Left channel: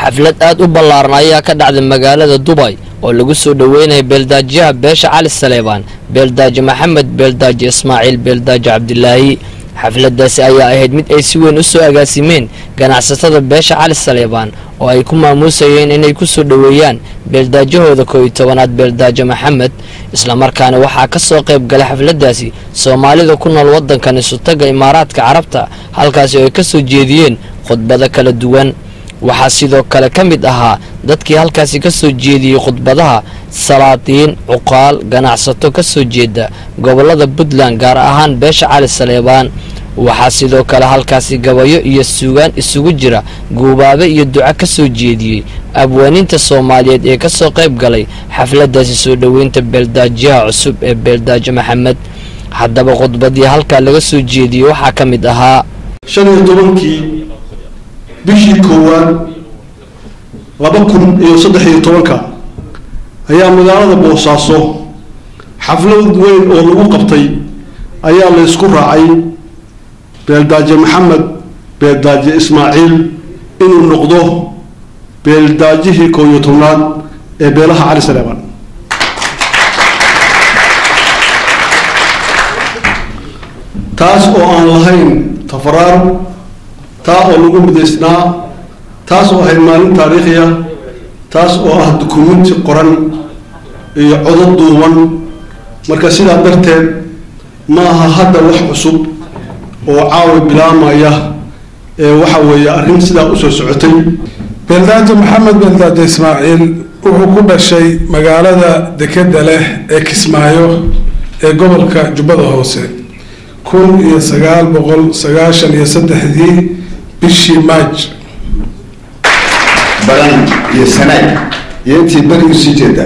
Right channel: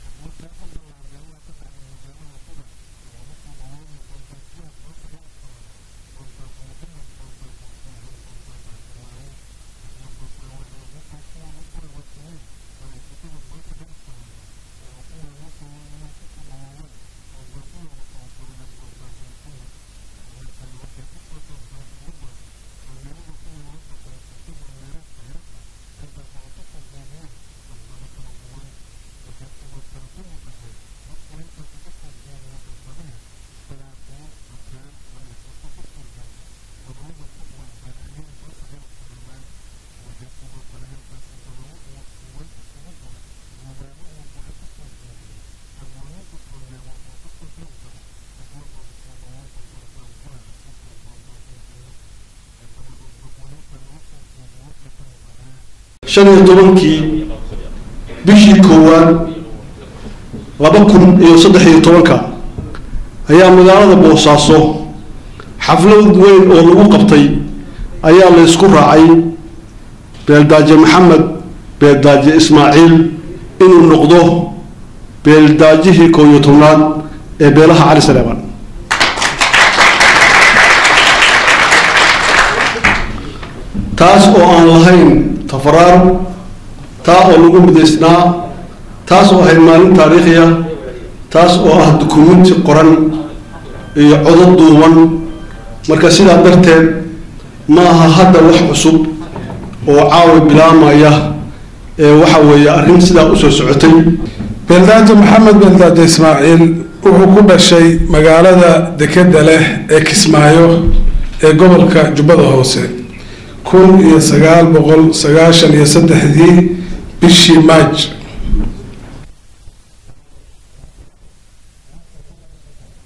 xaflad aad u ballaaran ayaa ka dhacday magaalada Dubai oo lagu soo dhaweynay beeldaajiyaha beesha Cali Saleebaan, beeldaaji Maxamed, beeldaaji Ismaaciil, beeldaaji Cabdilaahi. xafladaasi ayaa ahayd mid ay si weyn u soo agaasimeen ganacsatada beesha Cali Saleebaan oo ay ku maamuusayeen inay ku soo dhaweeyaan beeldaajahooda 11aad beeldaaji Maxamed. isla markaana waxaa ka soo qayb galay xafladaasi Soomaalida ku nool wadankan Isutaga Imaaraadka Carabta, halkaas oo ay ka soo jeediyeen khudbado kala duwan. waxaa sidoo kale ka mid ahaa dadkii halkaasi ka soo jeediyay khudbadaha salaatiin, cuqaal, ganacsato ka soo jeeda gobolada Puntland gaar ahaan beesha Cali Saleebaan. waxaa sidoo kale halkaasi gabayo iyo suugaan isugu jira guubaabe iyo duco ka soo jeediyay abwaaninta Soomaaliyeed ee ka soo qayb galay xafladaasi soo dhaweynta beeldaajiyaha cusub ee beeldaaji Maxamed. haddaba khudbadii halka laga soo jeediyay waxaa ka mid ahaa 15 bishii koowaad 2013 ayaa magaalada Boosaaso xaflad weyn oo lagu qabtay ayaa la isku raacay beeldaaji Maxamed, beeldaaji Ismaaciil inuu noqdo beeldaajihii 11aad ee beelaha Cali Saleebaan. taas oo aan lahayn tafaraar, taas oo lagu mideysnaa, taas oo ay maalin taariikhiya, taas oo ah dukumeenti qoran iyo codad duuban. marka sidaa darteed ma aha hadda wax cusub oo caawi bilaamaya ee waxa weeye arrin sidaa u soo socotay. beeldaaji Maxamed, beeldaaji Ismaaciil wuxuu ku dhashay magaalada dekeda leh ee Kismaayo ee gobolka Jubbada Hoose 1993 bishii Maaj. balan iyo sanaad iyo intii barigu sii jeeda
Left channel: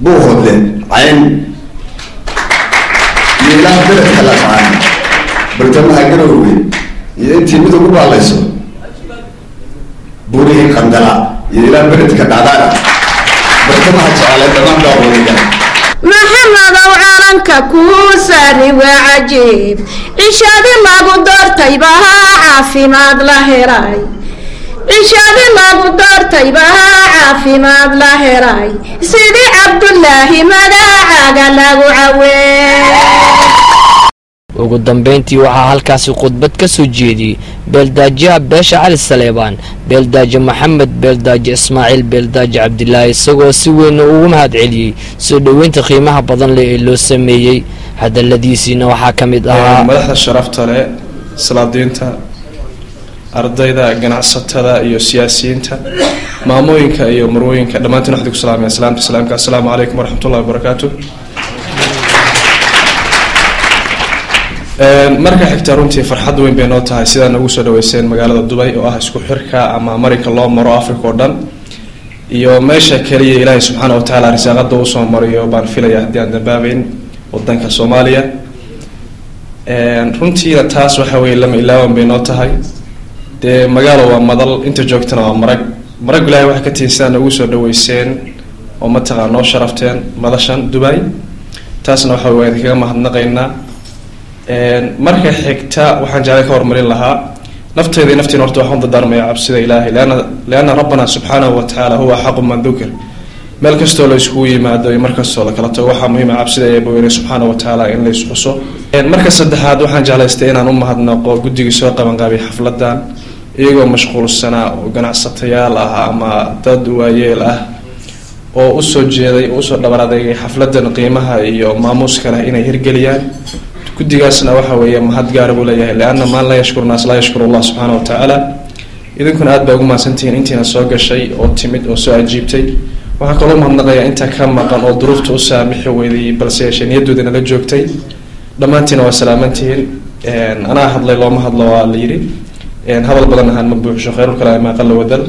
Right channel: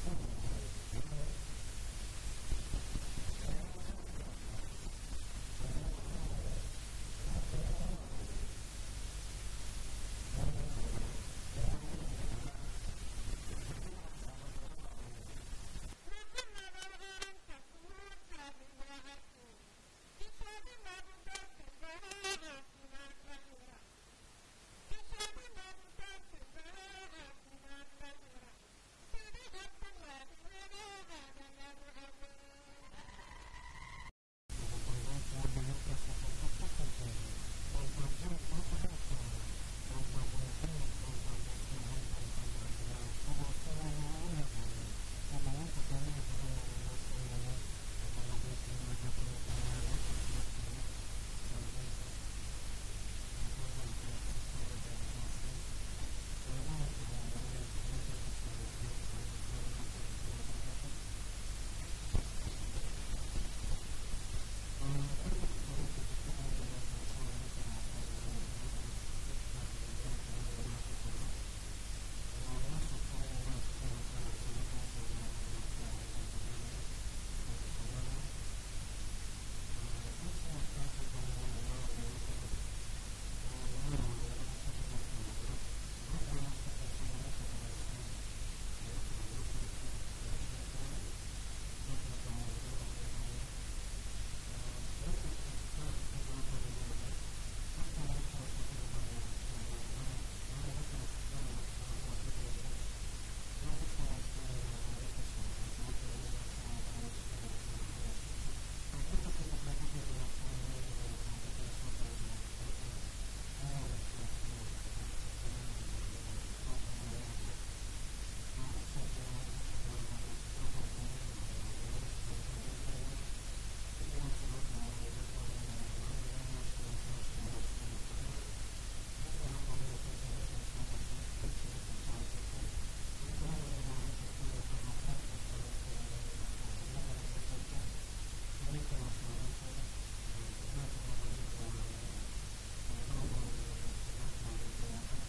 buu hodle cayn iyo ilaa beledka la qaan bartamaha garowge iyo intii mid ugu baalayso buurihii qandala iyo ilaa beledka dhacdaana bartamaha jeclay dhammaan daawadiga محمد وعرنك كوسري وعجيب عشادي ما قدرت يبها عافي ما ظهراي عشادي ما قدرت يبها عافي ما ظهراي سيدي عبد الله ماذا قال له عوين. ugu dambeyntii waxaa halkaasi khudbad ka soo jeediyay beeldaajiyaha beesha Cali Saleebaan, beeldaaji Maxamed, beeldaaji Ismaaciil, beeldaaji Cabdilaahi, isagoo si weyn ugu mahad celiyay soo dhaweynta qiimaha badan leh ee loo sameeyay. hadaladiisina waxaa ka mid ahaa madaxda sharafta leh, salaadiinta, ardayda, ganacsatada iyo siyaasiyiinta, maamooyinka iyo marwooyinka dhammaantiin waxaan ku salaamayaa salaamta. assalaamu calaykum waraxmatullaahi wabarakaatuh. marka xigta runtii farxad weyn bay noo tahay sidaan ugu soo dhaweyseen magaalada Dubai oo ah isku xirka ama America loo maro Africa oo dhan iyo meesha kaliya Ilaahay subxaanahu wa ta'aala risaaqada uu soo mariyo baan filayaa haddii aan dambaabeen wadanka Soomaaliya. runtii taas waxa weeye lama ilaawan bay noo tahay dee magaalo waa madal inta joogtana waa marag Ilaahay waxa ka tiirsan ugu soo dhaweyseen oo ma taqaan noo sharafteen madashan Dubai. taasna waxa weeye kaga mahadnaqaynaa. marka xigta waxaan jeclay ka hormarin lahaa nafteeda naftiin horta waxaan dardaarmaya cabsida Ilaahay laana rabbana subhanahu wa ta'ala huwa haqqu man dhukr. meel kastoo la isku yimaado iyo markastoo la kala tago waxaa muhiim ah cabsida Eebbe subhanahu wa ta'ala in la isku xuso. marka saddexaad waxaan jeclaystay inaan u mahadnaqo guddiga soo qaban qaabay xafladan iyagoo mashquulsana oo ganacsatayaal ah ama dad waayeel ah oo u soo jeeday oo soo dhabaraaday xafladan qiimaha iyo maamuuska leh inay hirgeliyaan. guddigaasna waxa weeye mahad gaar ah u leeyahay laana ma la yashkur naas la yashkur Allah subhanahu wa ta'ala. idinkuna aad baa ugu maasantiin intiina soo gashay oo timid oo soo ajiibtay. waxaa kaloo mahadnaqayaa inta ka maqan oo duruufta u saamixi weyday balse niyadooda la joogtay. dhammaantiin waa salaamantiin. anaa hadlay looma hadlo waa la yiri hadal badan ahaan ma buuxsho khayr kale ma qal wadal.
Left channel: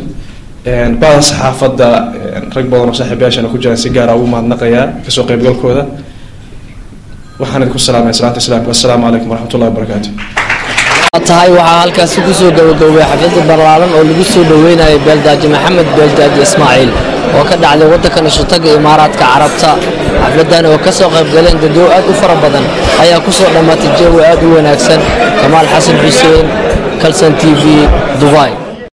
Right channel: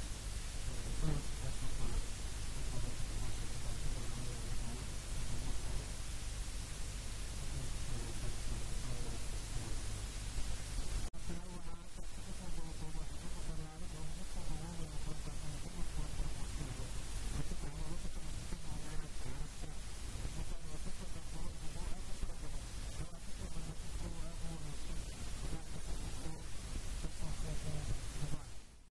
baas saxaafadda rag badan oo saaxiibayaashana ku jiraan si gaar ah ugu mahadnaqayaa ka soo qaybgalkooda. waxaan idinku salaamay salaanta islaamka. assalaamu calaykum waraxmatullaahi wabarakaatuh. tahay waxaa halkaasi ku soo gabagabay xaflad ballaaran oo lagu soo dhaweynayay beeldaaji Maxamed, beeldaaji Ismaaciil oo ka dhacday wadankan Isutaga Imaaraadka Carabta. xafladan oo ka soo qayb galeen dad aad u fara badan ayaa ku soo dhamaatay jawi aad u wanaagsan. Kamaal Xasan Xuseen, Kalsan TV, Dubai.